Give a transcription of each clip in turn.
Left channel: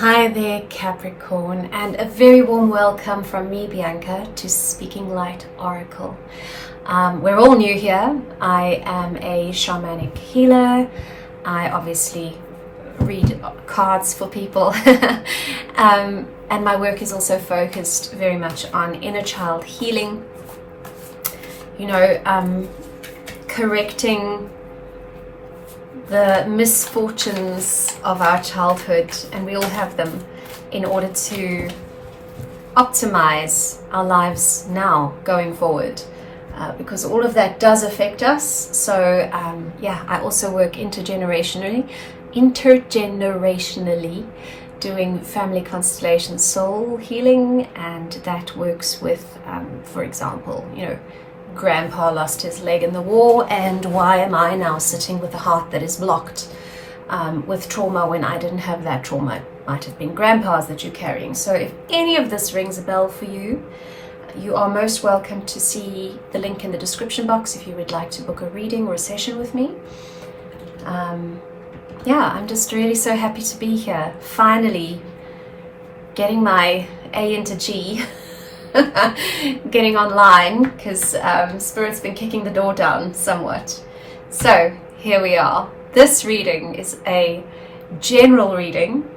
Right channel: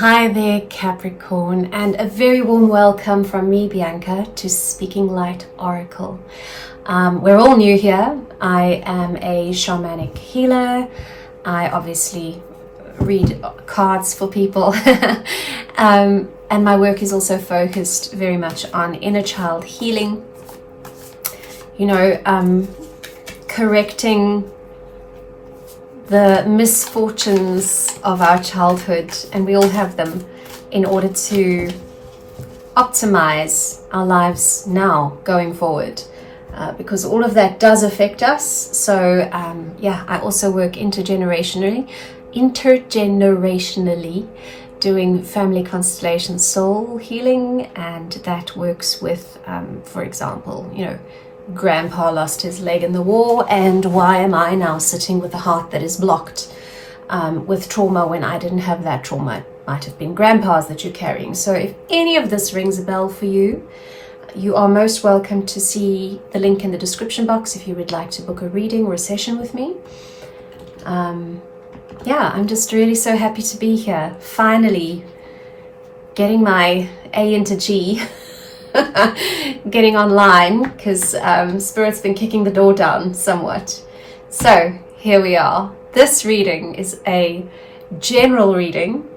Hi there, Capricorn, and a very warm welcome from me, Bianca, to Speaking Light Oracle. We're all new here. I am a shamanic healer. I obviously read cards for people. And my work is also focused very much on inner child healing. Correcting the misfortunes of our childhood, and we all have them, in order to optimize our lives now going forward, because all of that does affect us. So I also work intergenerationally doing family constellation soul healing, and that works with for example, grandpa lost his leg in the war, and why am I now sitting with a heart that is blocked with trauma when I didn't have that trauma? It might have been grandpa's that you're carrying. So if any of this rings a bell for you, you are most welcome to see the link in the description box if you would like to book a reading or a session with me. I'm just really so happy to be here, finally getting my A into G. Getting online, because Spirit's been kicking the door down somewhat. So here we are. This reading is a general reading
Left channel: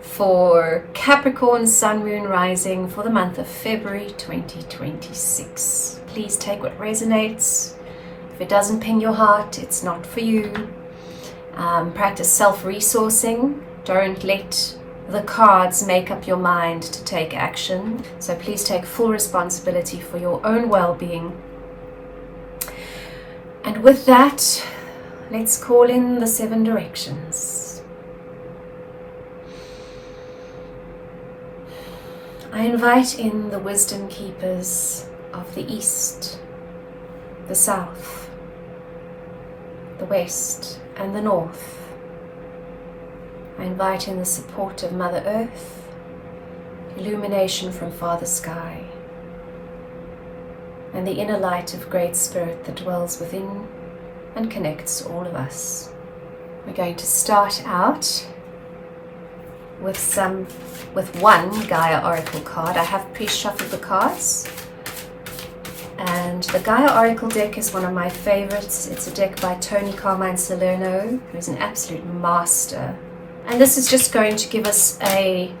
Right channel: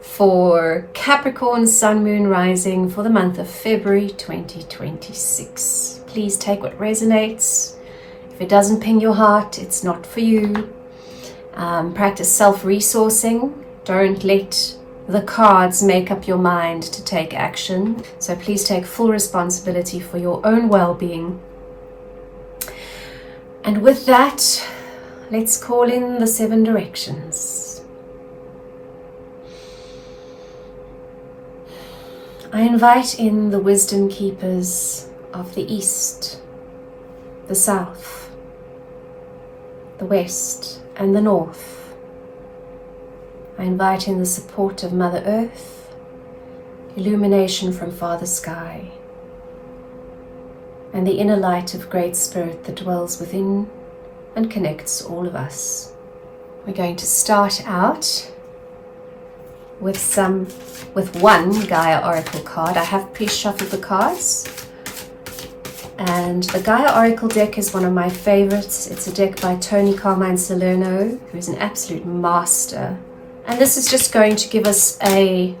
for Capricorn Sun Moon Rising for the month of February 2026. Please take what resonates. If it doesn't ping your heart, it's not for you. Practice self-resourcing. Don't let the cards make up your mind to take action. So please take full responsibility for your own well-being. And with that, let's call in the 7 directions. I invite in the wisdom keepers of the East, the South, the West, and the North. I invite in the support of Mother Earth, illumination from Father Sky, and the inner light of Great Spirit that dwells within and connects all of us. We're going to start out with one Gaia Oracle card. I have pre-shuffled the cards, and the Gaia Oracle deck is one of my favorites. It's a deck by Tony Carmine Salerno, who is an absolute master. And this is just going to give us a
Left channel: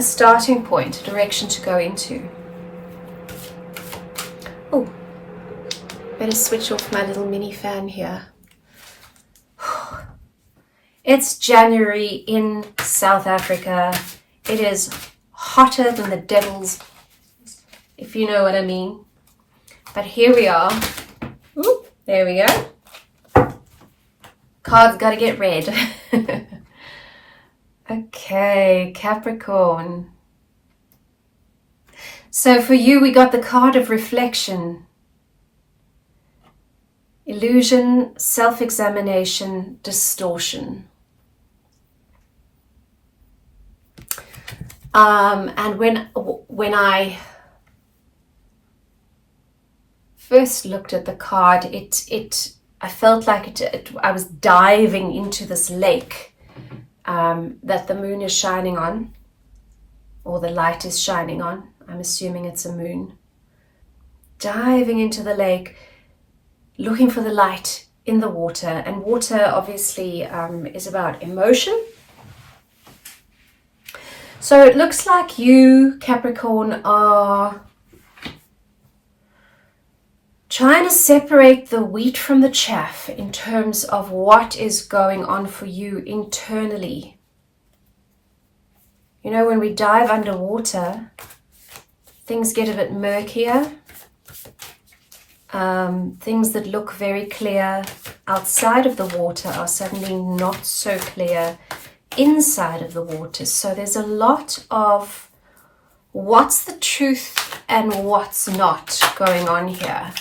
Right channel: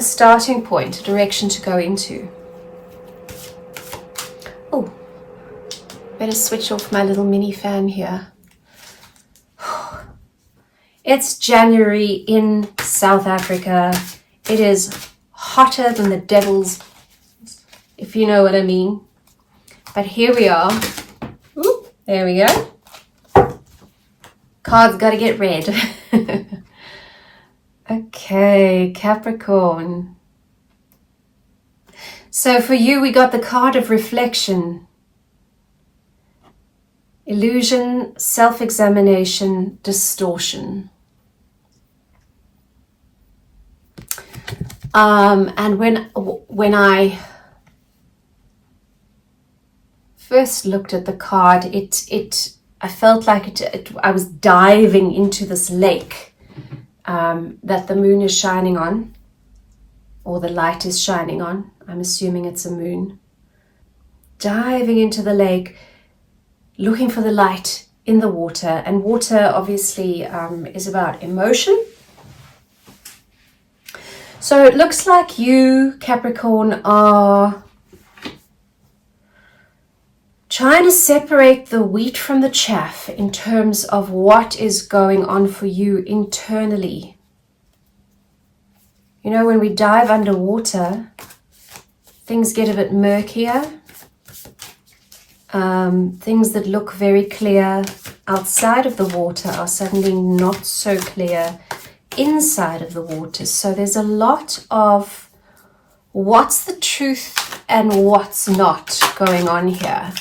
starting point, a direction to go into. Oh, better switch off my little mini fan here. It's January in South Africa. It is hotter than the devil's, if you know what I mean. But here we are. Ooh, there we go. Cards gotta get read. Okay, Capricorn. So for you, we got the card of reflection, illusion, self-examination, distortion. And when I first looked at the card, I felt like I was diving into this lake that the moon is shining on, or the light is shining on. I'm assuming it's a moon. Diving into the lake, looking for the light in the water. And water obviously is about emotion. So it looks like you, Capricorn, are trying to separate the wheat from the chaff in terms of what is going on for you internally. When we dive underwater, things get a bit murkier. Things that look very clear outside of the water are suddenly not so clear inside of the water. So there's a lot of what's the truth and what's not going on here.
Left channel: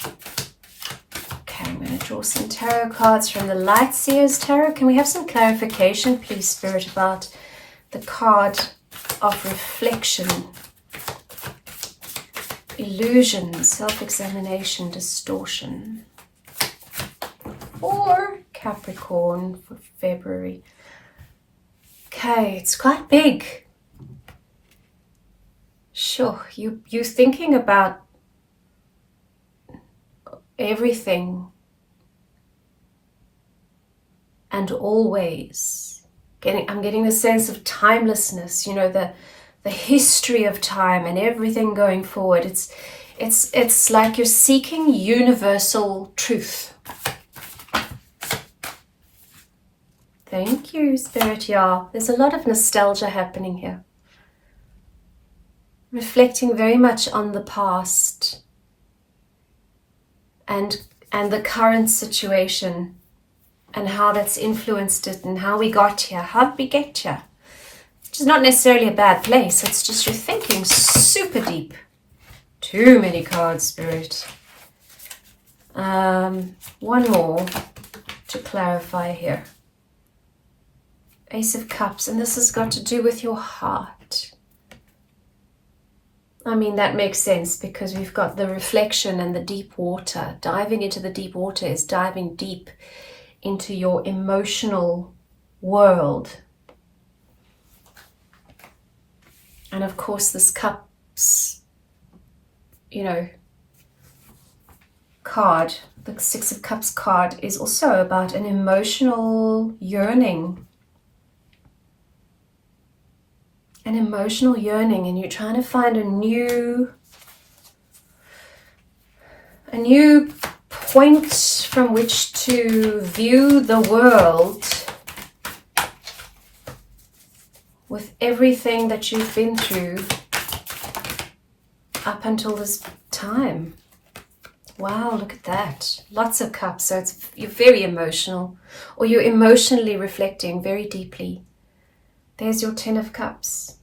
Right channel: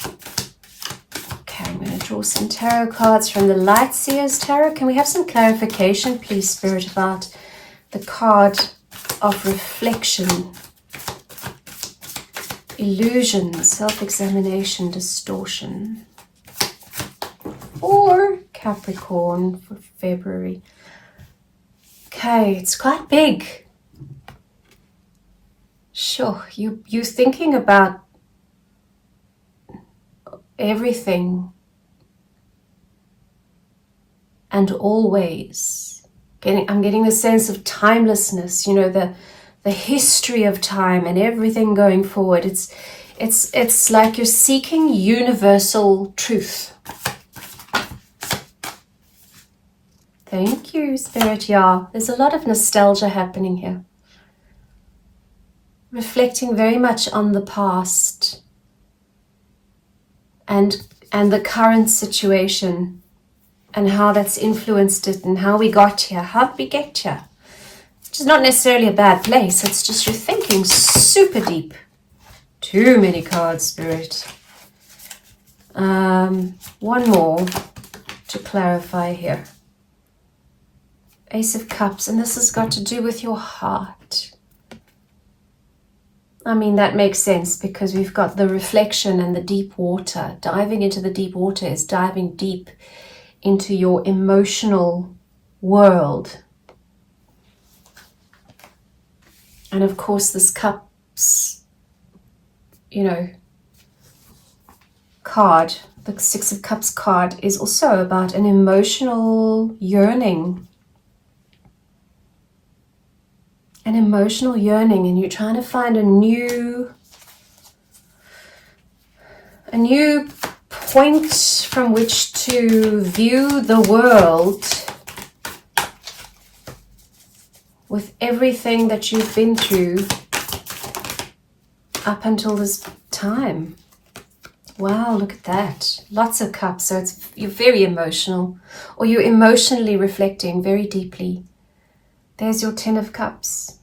Okay, I'm going to draw some tarot cards from the Light Seers Tarot. Can we have some clarification, please, Spirit, about the card of reflection, illusion, self-examination, distortion, for Capricorn for February? Okay, it's quite big. Sure, you're thinking about everything and always. I'm getting the sense of timelessness, the history of time and everything going forward. It's like you're seeking universal truth. Thank you, Spirit. Yeah, there's a lot of nostalgia happening here. Reflecting very much on the past and the current situation and how that's influenced it and how we got here. How did we get here? Which is not necessarily a bad place. It's just you're thinking super deep. Too many cards, Spirit. One more to clarify here. Ace of Cups, and this has got to do with your heart. I mean, that makes sense because we've got the reflection and the deep water. Diving into the deep water is diving deep into your emotional world. And of course, this Cups, card, the Six of Cups card, is also about an emotional yearning. An emotional yearning, and you're trying to find a new point from which to view the world with everything that you've been through up until this time. Wow, look at that. Lots of cups. So you're very emotional, or you're emotionally reflecting very deeply. There's your Ten of Cups.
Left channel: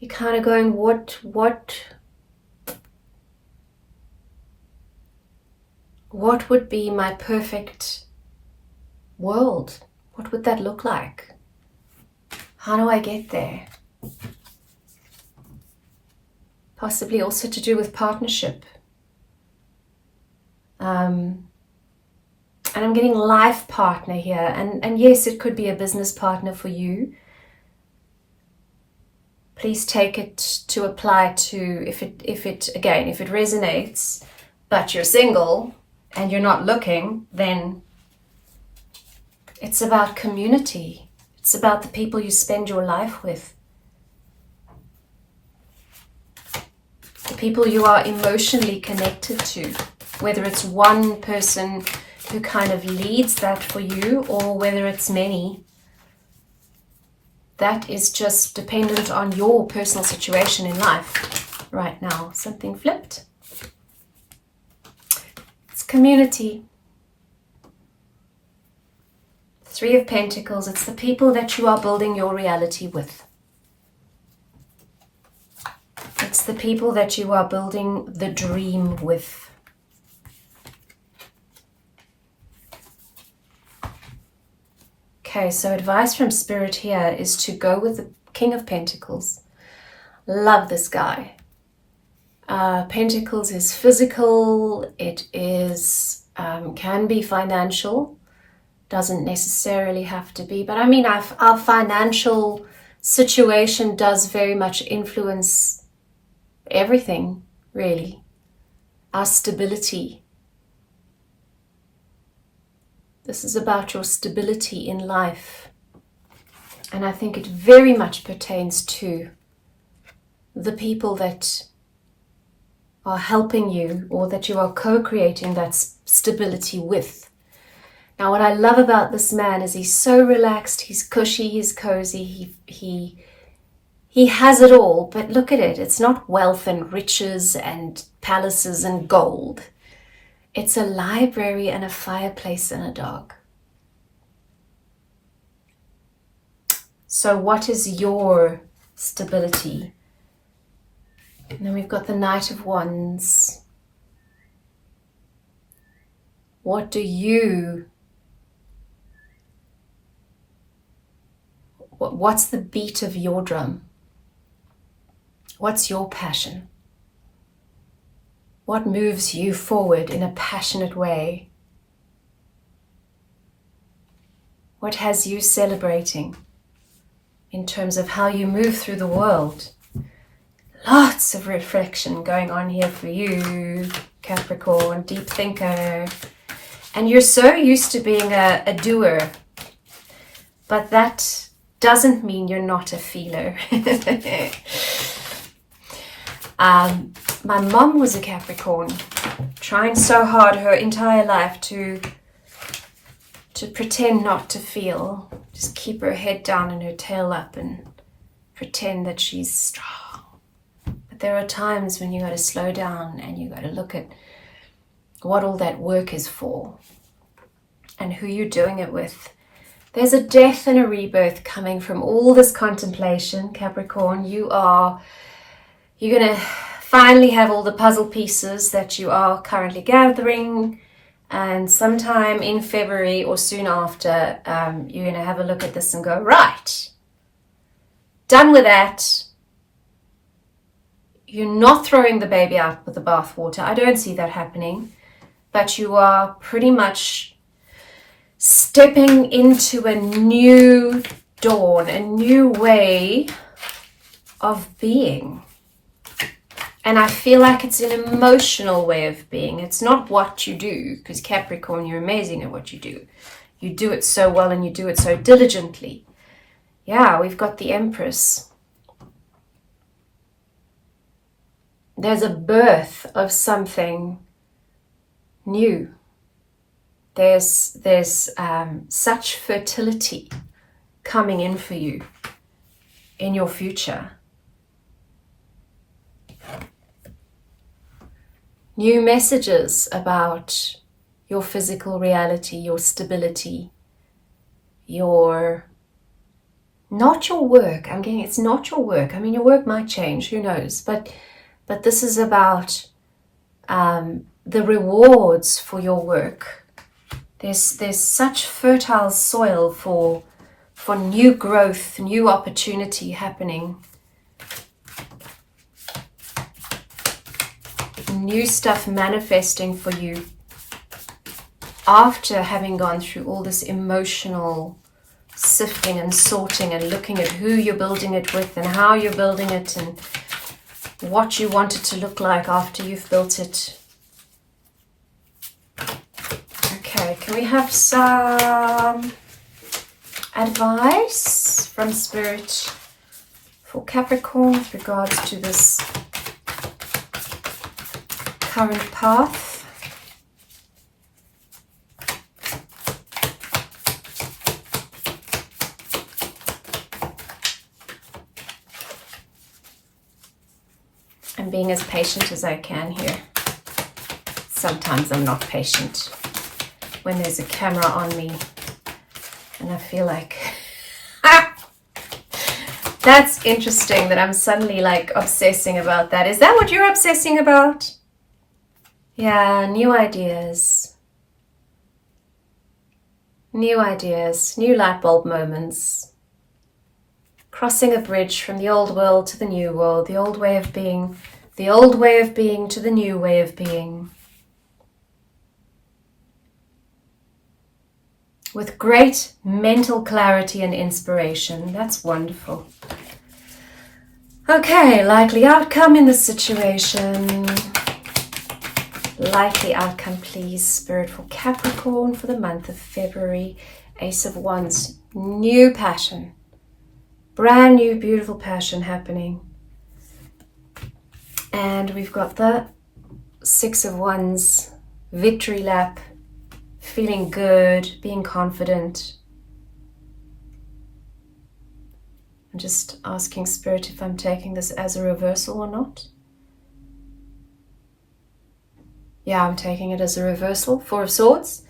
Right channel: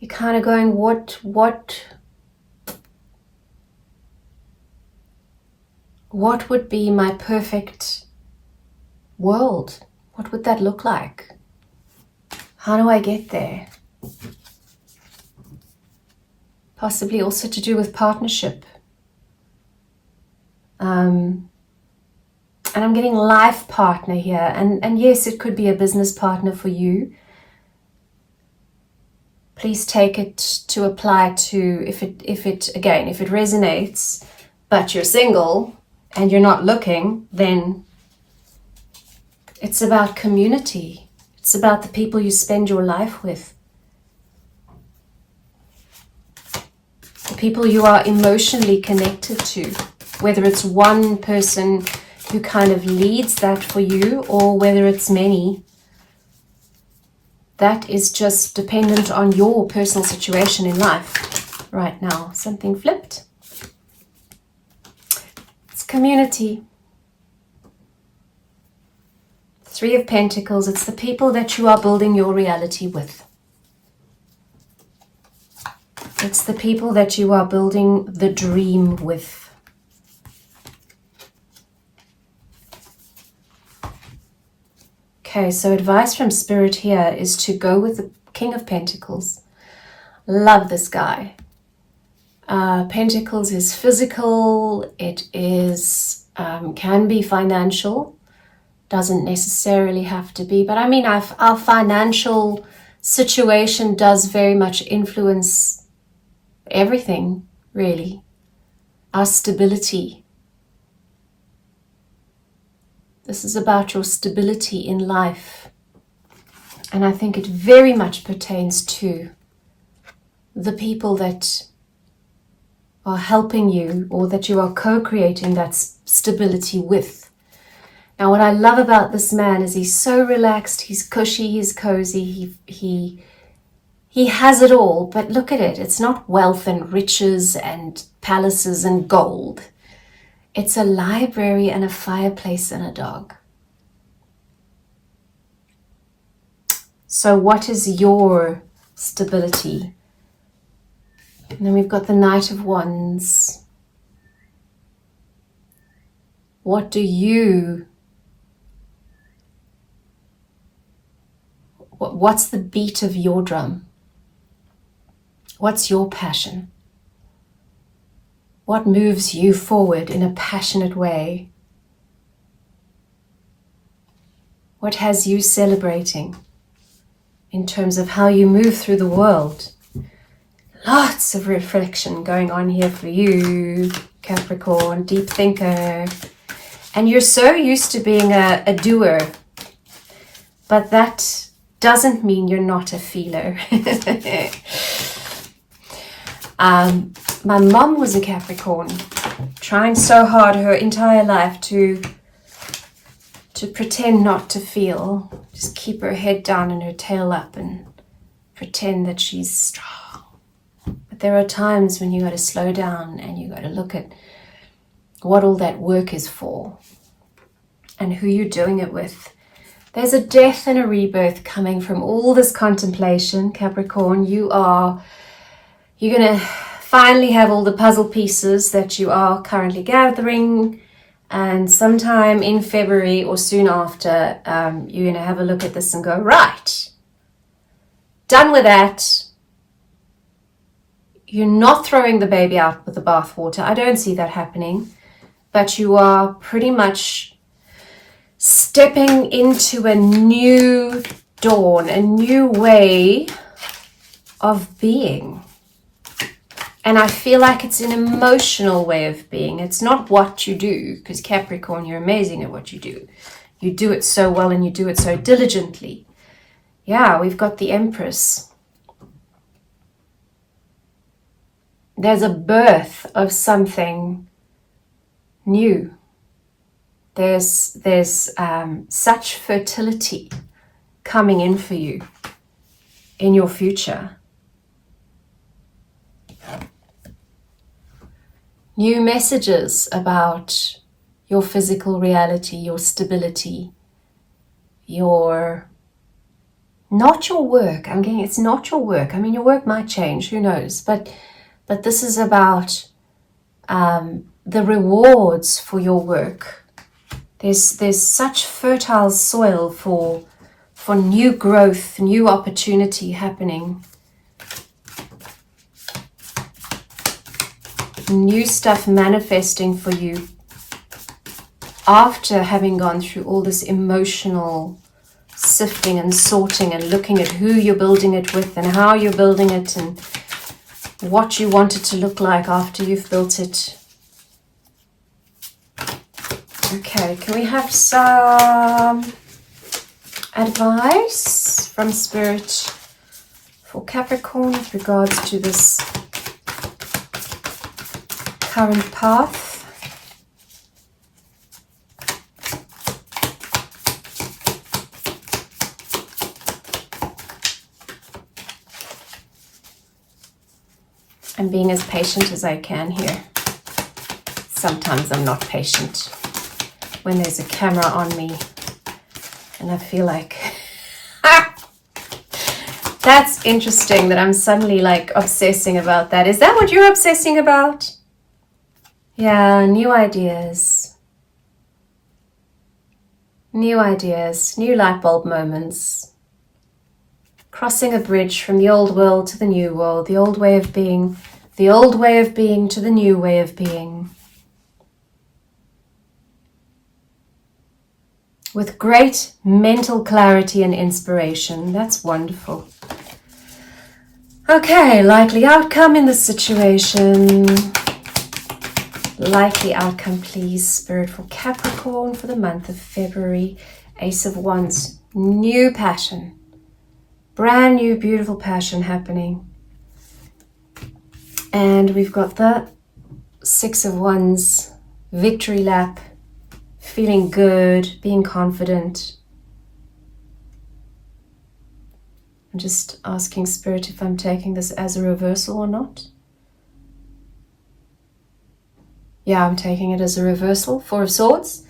You're kind of going, what would be my perfect world? What would that look like? How do I get there? Possibly also to do with partnership. And I'm getting life partner here. And yes, it could be a business partner for you. Please take it to apply to, if it resonates, but you're single and you're not looking, then it's about community. It's about the people you spend your life with. The people you are emotionally connected to, whether it's one person who kind of leads that for you or whether it's many. That is just dependent on your personal situation in life right now. Something flipped. It's community. Three of Pentacles. It's the people that you are building your reality with. It's the people that you are building the dream with. Okay, so advice from Spirit here is to go with the King of Pentacles. Love this guy. Pentacles is physical. It is can be financial. Doesn't necessarily have to be. But I mean, our financial situation does very much influence everything, really. Our stability. This is about your stability in life. And I think it very much pertains to the people that are helping you or that you are co-creating that stability with. Now, what I love about this man is he's so relaxed, he's cushy, he's cozy, he has it all. But look at it. It's not wealth and riches and palaces and gold. It's a library and a fireplace and a dog. So what is your stability? And then we've got the Knight of Wands. What's the beat of your drum? What's your passion? What moves you forward in a passionate way? What has you celebrating in terms of how you move through the world. Lots of reflection going on here for you, Capricorn, deep thinker. And you're so used to being a doer, but that doesn't mean you're not a feeler. My mom was a Capricorn, trying so hard her entire life to pretend not to feel, just keep her head down and her tail up and pretend that she's strong. But there are times when you got to slow down and you got to look at what all that work is for and who you're doing it with. There's a death and a rebirth coming from all this contemplation, Capricorn. You're going to finally have all the puzzle pieces that you are currently gathering, and sometime in February or soon after, you're going to have a look at this and go, right, done with that. You're not throwing the baby out with the bathwater. I don't see that happening, but you are pretty much stepping into a new dawn, a new way of being. And I feel like it's an emotional way of being. It's not what you do, because Capricorn, you're amazing at what you do. You do it so well and you do it so diligently. Yeah, we've got the Empress. There's a birth of something new. There's such fertility coming in for you in your future. New messages about your physical reality, your stability, not your work. I'm getting it's not your work. I mean, your work might change, who knows? But this is about the rewards for your work. There's such fertile soil for new growth, new opportunity happening. New stuff manifesting for you after having gone through all this emotional sifting and sorting and looking at who you're building it with and how you're building it and what you want it to look like after you've built it. Okay, can we have some advice from Spirit for Capricorn with regards to this current path? I'm being as patient as I can here. Sometimes I'm not patient when there's a camera on me and I feel like that's interesting that I'm suddenly like obsessing about that. Is that what you're obsessing about? Yeah, new ideas, new light bulb moments, crossing a bridge from the old world to the new world, the old way of being to the new way of being. With great mental clarity and inspiration. That's wonderful. Okay, likely outcome in this situation. Likely outcome, please, Spirit, for Capricorn for the month of February. Ace of Wands, new passion. Brand new, beautiful passion happening. And we've got the Six of Wands, victory lap, feeling good, being confident. I'm just asking Spirit if I'm taking this as a reversal or not. Yeah, I'm taking it as a reversal. Four of Swords,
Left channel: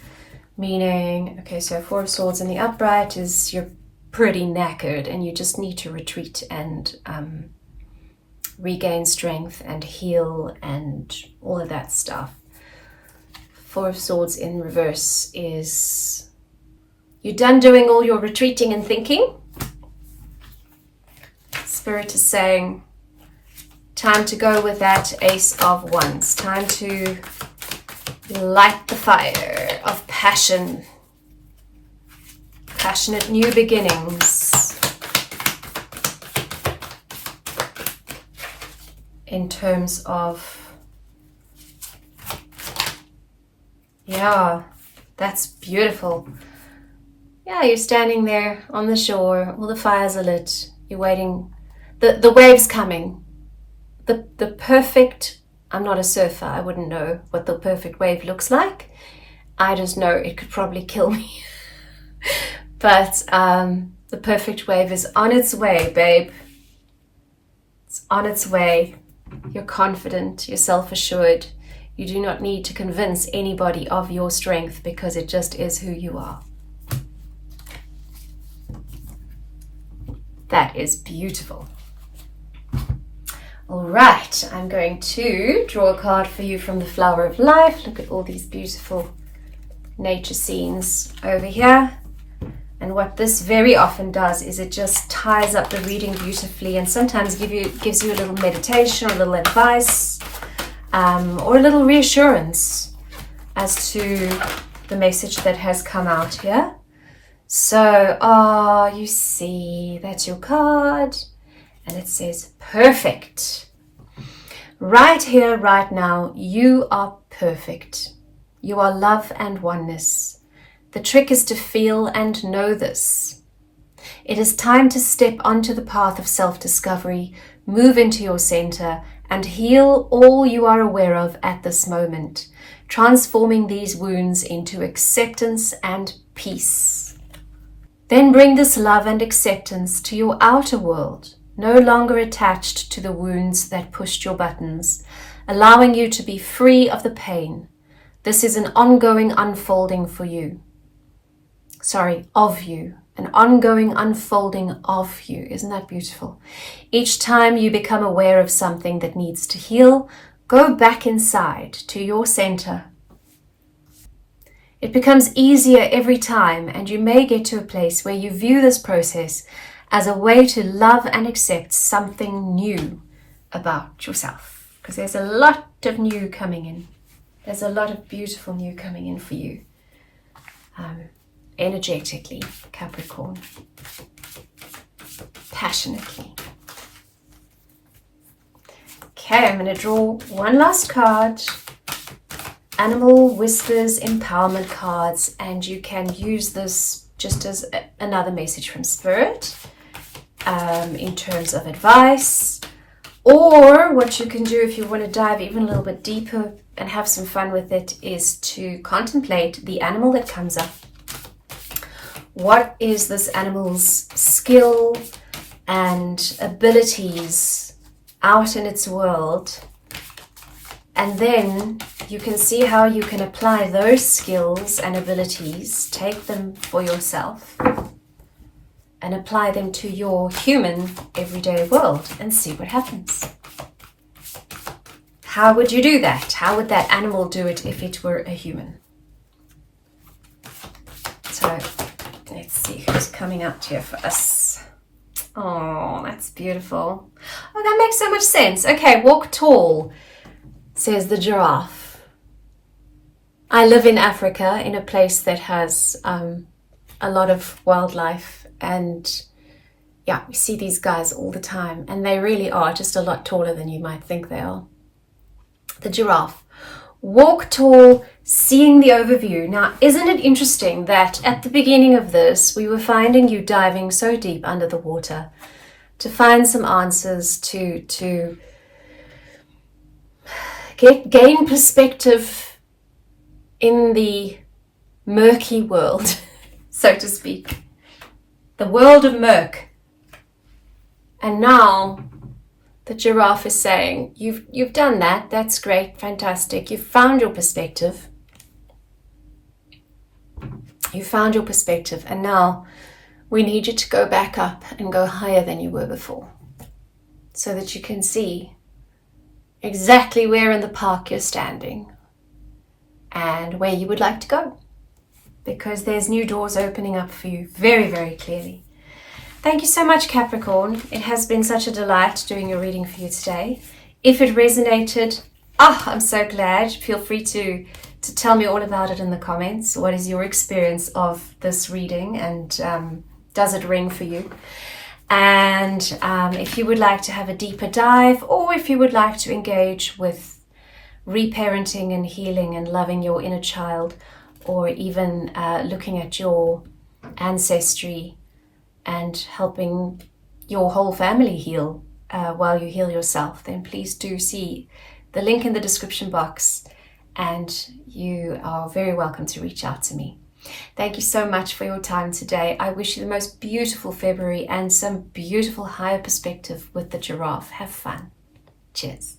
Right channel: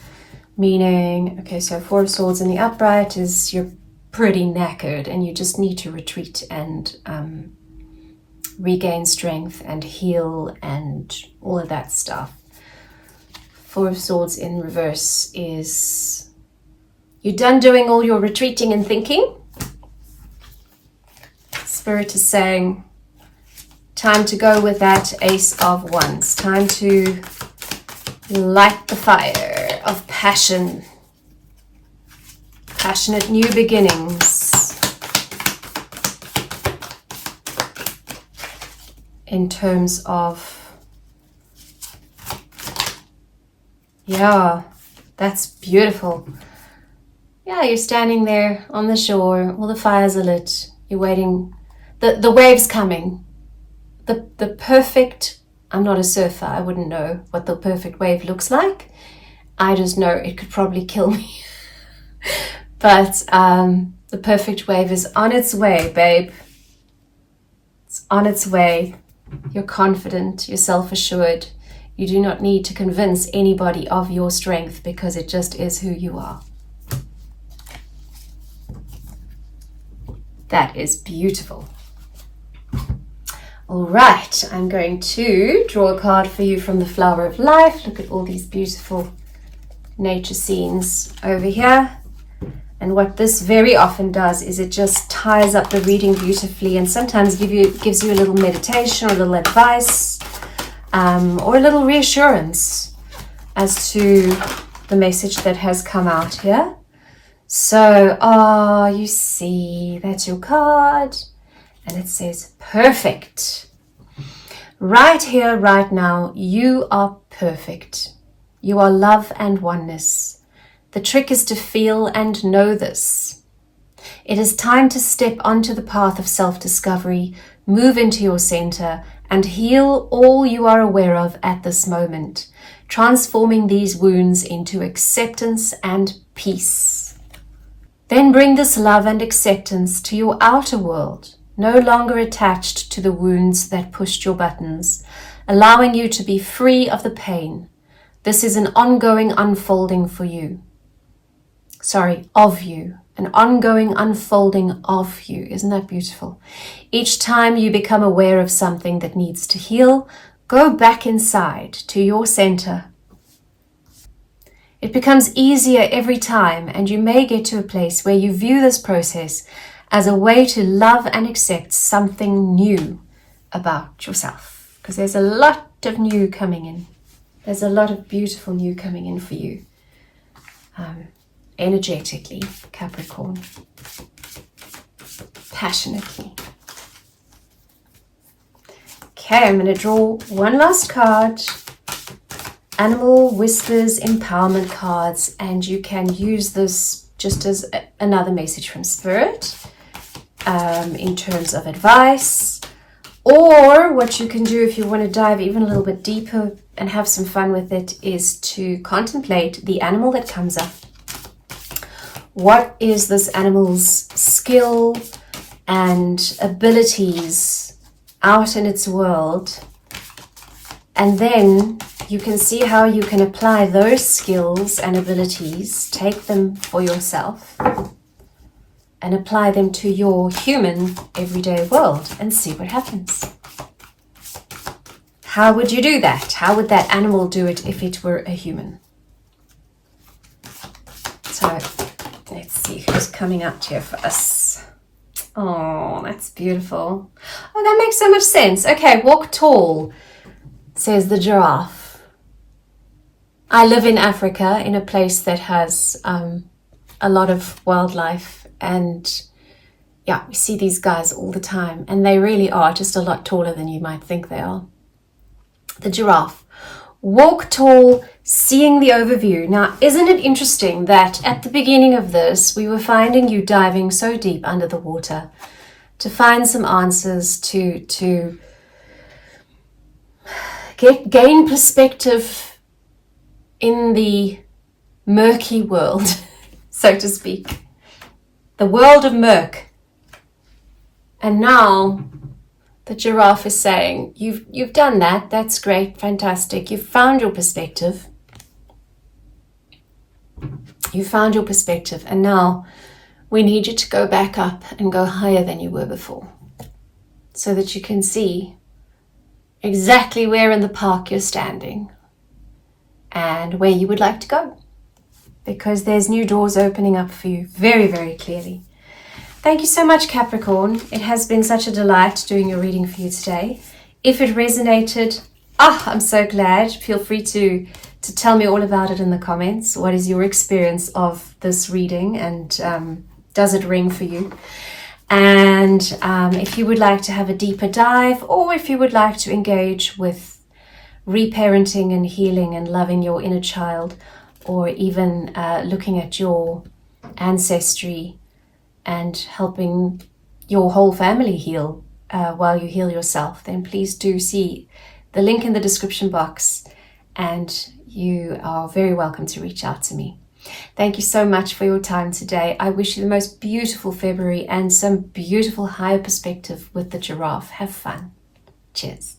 meaning, okay, so Four of Swords in the upright is you're pretty knackered and you just need to retreat and regain strength and heal and all of that stuff. Four of Swords in reverse is you're done doing all your retreating and thinking. Spirit is saying, time to go with that Ace of Wands. Time to light the fire of passion. Passionate new beginnings. in terms of, yeah, that's beautiful. Yeah, you're standing there on the shore, all the fires are lit, you're waiting, the wave's coming, the perfect, I'm not a surfer, I wouldn't know what the perfect wave looks like. I just know it could probably kill me. But the perfect wave is on its way, babe. It's on its way. You're confident, you're self-assured. You do not need to convince anybody of your strength because it just is who you are. That is beautiful. All right, I'm going to draw a card for you from the Flower of Life. Look at all these beautiful nature scenes over here. And what this very often does is it just ties up the reading beautifully, and sometimes gives you a little meditation or a little advice or a little reassurance as to the message that has come out here. So, you see, that's your card, and it says perfect. Right here, right now, you are perfect. You are love and oneness. The trick is to feel and know this. It is time to step onto the path of self-discovery, move into your center, and heal all you are aware of at this moment, transforming these wounds into acceptance and peace. Then bring this love and acceptance to your outer world, no longer attached to the wounds that pushed your buttons, allowing you to be free of the pain. This is an ongoing unfolding for you. Of you. An ongoing unfolding of you. Isn't that beautiful? Each time you become aware of something that needs to heal, go back inside to your center. It becomes easier every time, and you may get to a place where you view this process as a way to love and accept something new about yourself. Because there's a lot of new coming in. There's a lot of beautiful new coming in for you. Energetically, Capricorn. Passionately. Okay, I'm going to draw one last card. Animal Whispers Empowerment cards, and you can use this just as another message from Spirit in terms of advice, or what you can do if you want to dive even a little bit deeper and have some fun with it is to contemplate the animal that comes up. What is this animal's skill and abilities out in its world? And then you can see how you can apply those skills and abilities, take them for yourself, and apply them to your human everyday world and see what happens. How would you do that? How would that animal do it if it were a human? So let's see who's coming out here for us. Oh, that's beautiful. Oh, that makes so much sense. Okay, walk tall, says the giraffe. I live in Africa, in a place that has a lot of wildlife, and yeah, we see these guys all the time, and they really are just a lot taller than you might think they are. The giraffe. Walk tall, seeing the overview. Now, isn't it interesting that at the beginning of this, we were finding you diving so deep under the water to find some answers, to gain perspective in the murky world, so to speak. The world of murk. And now the giraffe is saying, you've done that. That's great. Fantastic. You've found your perspective. You found your perspective. And now we need you to go back up and go higher than you were before, so that you can see exactly where in the park you're standing and where you would like to go, because there's new doors opening up for you very, very clearly. Thank you so much, Capricorn. It has been such a delight doing your reading for you today. If it resonated, I'm so glad. Feel free to tell me all about it in the comments. What is your experience of this reading, and does it ring for you? And if you would like to have a deeper dive, or if you would like to engage with reparenting and healing and loving your inner child, or even looking at your ancestry and helping your whole family heal while you heal yourself, then please do see the link in the description box, and you are very welcome to reach out to me. Thank you so much for your time today. I wish you the most beautiful February and some beautiful higher perspective with the giraffe. Have fun. Cheers.